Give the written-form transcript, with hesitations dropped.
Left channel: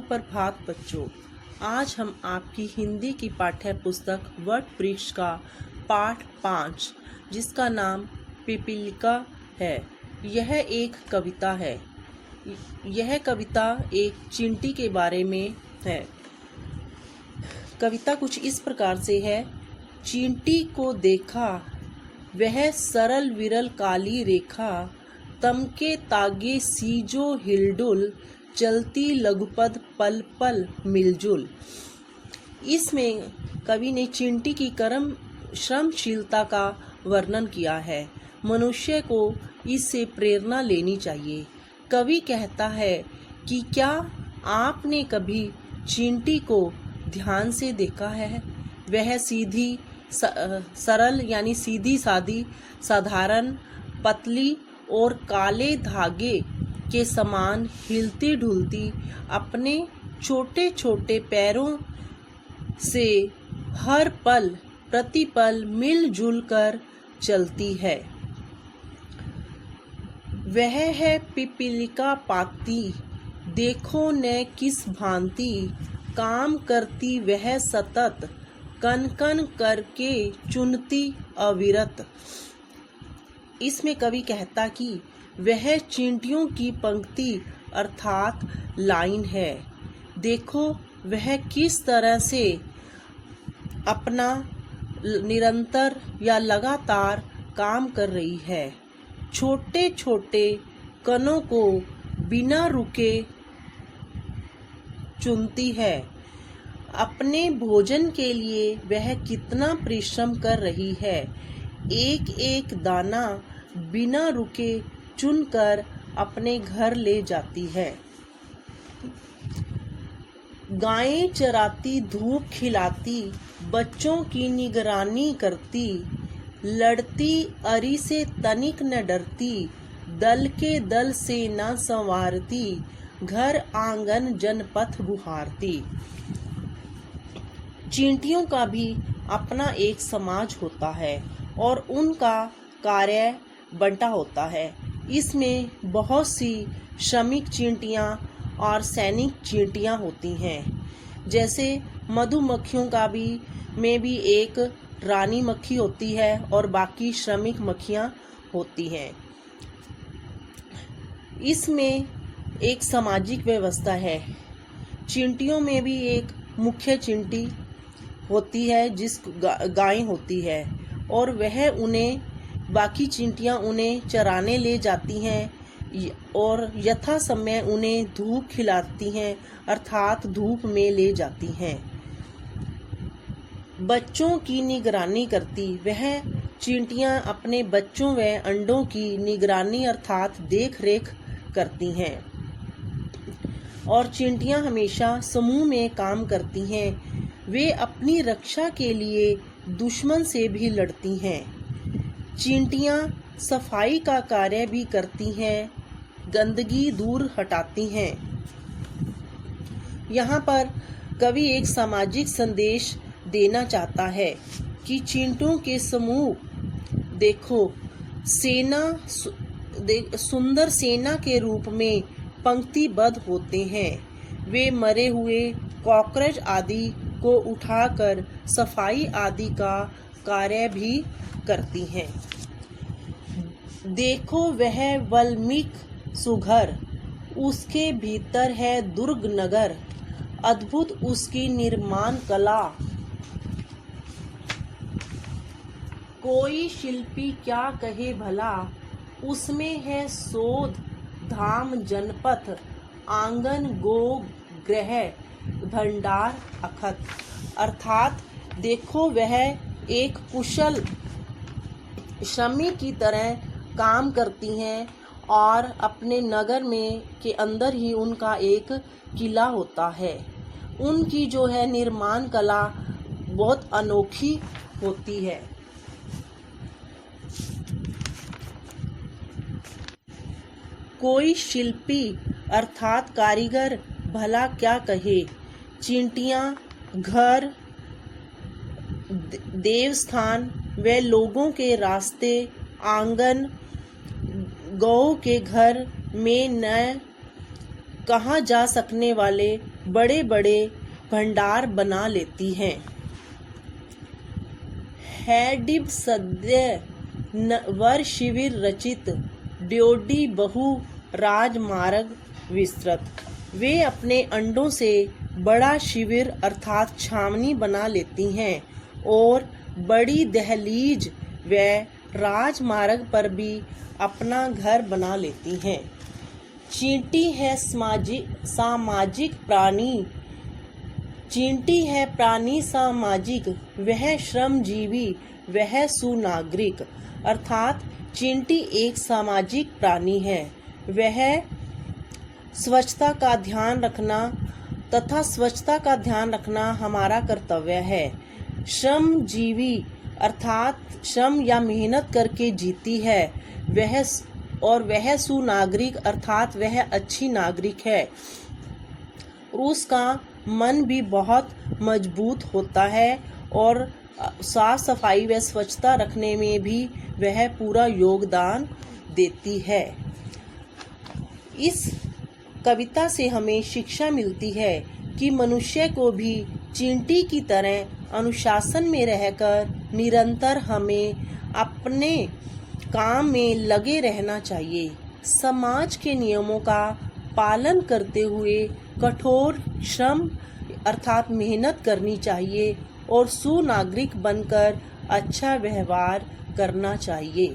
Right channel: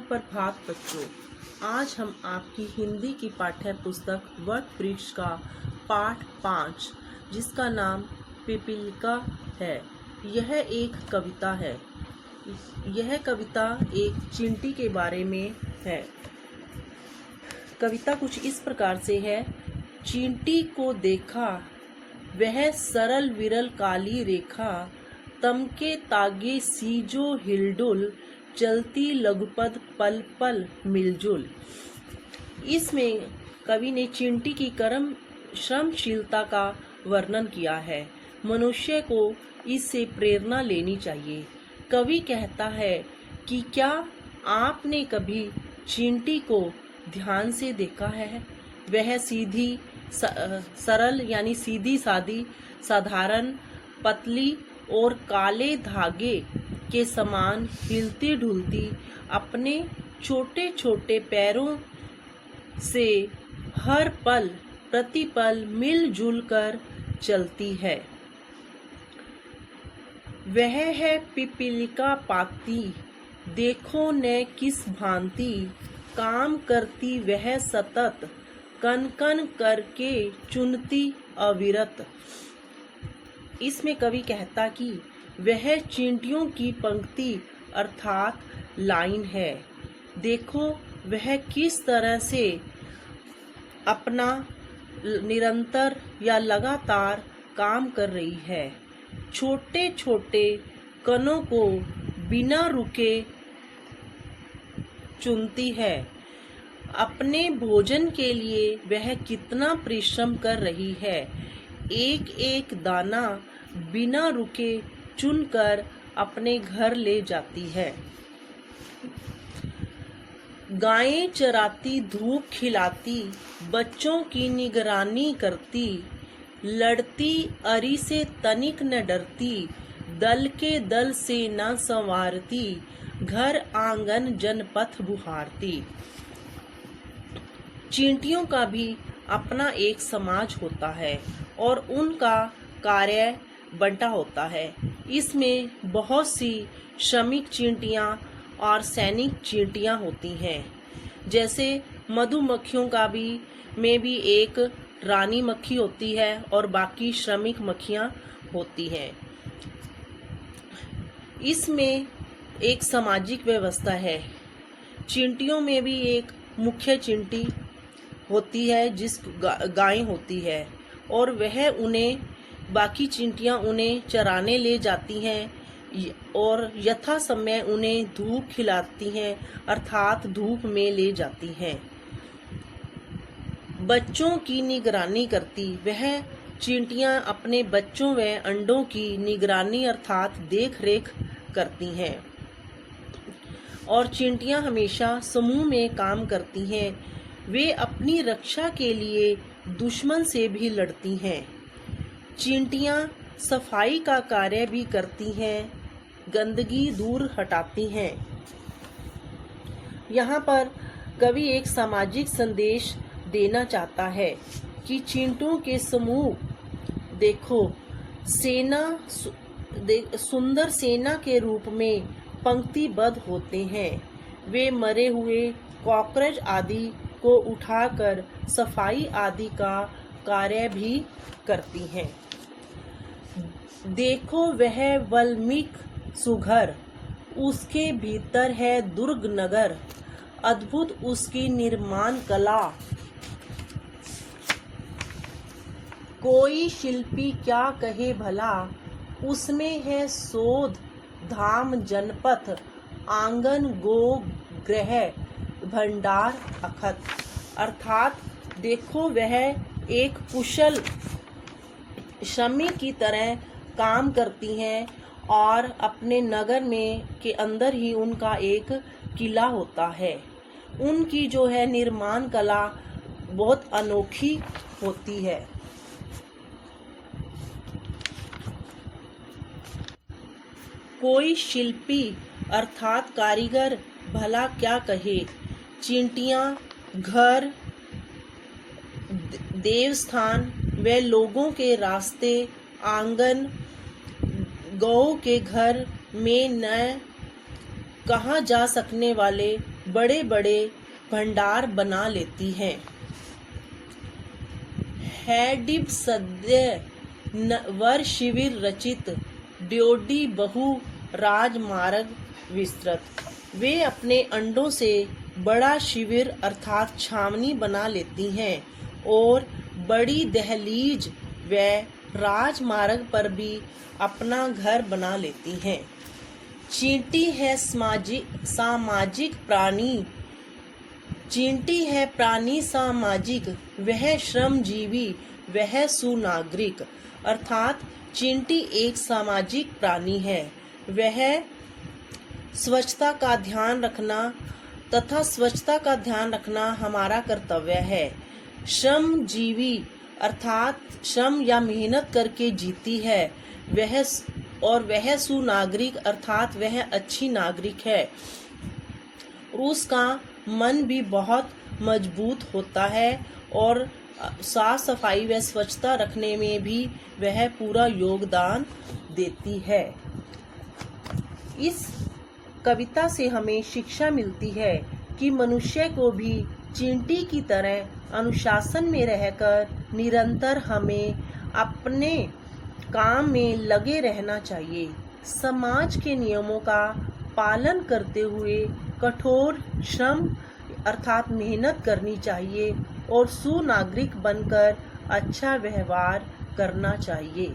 सुप्रभात बच्चों। आज हम आपकी हिंदी की पाठ्य पुस्तक वट वृक्ष का पाठ 5 जिसका नाम पिपीलिका है। यह एक कविता है। यह कविता एक चींटी के बारे में है। कविता कुछ इस प्रकार से है। चींटी को देखा वह सरल विरल काली रेखा, तमके तागे सीजो हिलडुल, चलती लघुपद पल पल मिलजुल। इसमें कवि ने चींटी की श्रमशीलता का वर्णन किया है। मनुष्य को इससे प्रेरणा लेनी चाहिए। कवि कहता है कि क्या आपने कभी चींटी को ध्यान से देखा है? वह सीधी सरल यानी सीधी सादी, साधारण, पतली और काले धागे के समान हिलती ढुलती अपने छोटे छोटे पैरों से हर पल प्रतिपल मिलजुल कर चलती है। वह है पिपीलिका पाती, देखो न किस भांति, काम करती वह सतत, कन कन करके चुनती अविरत। इसमें कवि कहता कि वह चींटियों की पंक्ति अर्थात लाइन है। देखो वह किस तरह से अपना निरंतर या लगातार काम कर रही है। छोटे छोटे कणों को बिना रुके चुनती है। अपने भोजन के लिए वह कितना परिश्रम कर रही है। एक एक दाना बिना रुके चुनकर अपने घर ले जाती है। गायें चराती, धूप खिलाती, बच्चों की निगरानी करती, लड़ती अरी से तनिक न डरती, दल के दल से न संवारती, घर आंगन जनपथ बुहारती। चींटियों का भी अपना एक समाज होता है और उनका कार्य बंटा होता है। इसमें बहुत सी श्रमिक चींटियां और सैनिक चींटियां होती हैं। जैसे मधुमक्खियों का में भी एक रानी मक्खी होती है और बाकी श्रमिक मक्खियां होती हैं। इसमें एक सामाजिक व्यवस्था है। चींटियों में भी एक मुख्य चींटी होती है जिस गाय होती है और वह उन्हें बाकी चींटियां उन्हें चराने ले जाती हैं और यथा समय उन्हें धूप खिलाती हैं अर्थात धूप में ले जाती हैं। बच्चों की निगरानी करती, वह चींटियां अपने बच्चों व अंडों की निगरानी अर्थात देख रेख करती हैं। और चींटियां हमेशा समूह में काम करती हैं। वे अपनी रक्षा के लिए दुश्मन से भी लड़ती हैं। चींटियां सफाई का कार्य भी करती हैं, गंदगी दूर हटाती हैं। यहाँ पर कवि एक सामाजिक संदेश देना चाहता है कि चींटियों के समूह देखो सुंदर सेना के रूप में पंक्तिबद्ध होते हैं। वे मरे हुए कॉकरोच आदि को उठाकर सफाई आदि का कार्य भी करती हैं। देखो वह वल्मीक सुघर, उसके भीतर है दुर्ग नगर, अद्भुत उसकी निर्माण कला, कोई शिल्पी क्या कहे भला, उसमें है शोध धाम जनपथ, आंगन गो गृह भंडार अखत। अर्थात देखो वह एक कुशल श्रमिक की तरह काम करती हैं और अपने नगर में के अंदर ही उनका एक किला होता है। उनकी जो है निर्माण कला बहुत अनोखी होती है। कोई शिल्पी अर्थात कारीगर भला क्या कहे। चींटियां घर, देवस्थान व लोगों के रास्ते, आंगन, गौ के घर में न कहाँ जा सकने वाले बड़े बड़े भंडार बना लेती हैं। हैडिब सद्य वर शिविर रचित ड्योडी बहु राजमार्ग विस्तृत। वे अपने अंडों से बड़ा शिविर अर्थात छावनी बना लेती हैं और बड़ी दहलीज व राजमार्ग पर भी अपना घर बना लेती हैं। चींटी है सामाजिक प्राणी। चींटी है प्राणी सामाजिक, वह श्रमजीवी, वह सुनागरिक। अर्थात चींटी एक सामाजिक प्राणी है। वह स्वच्छता का ध्यान रखना तथा स्वच्छता का ध्यान रखना हमारा कर्तव्य है। श्रमजीवी अर्थात श्रम या मेहनत करके जीती है वह सुनागरिक अर्थात वह अच्छी नागरिक है। उसका मन भी बहुत मजबूत होता है और साफ सफाई व स्वच्छता रखने में भी वह पूरा योगदान देती है। इस कविता से हमें शिक्षा मिलती है कि मनुष्य को भी चींटी की तरह अनुशासन में रहकर निरंतर हमें अपने काम में लगे रहना चाहिए। समाज के नियमों का पालन करते हुए कठोर श्रम अर्थात मेहनत करनी चाहिए और सुनागरिक बनकर अच्छा व्यवहार करना चाहिए।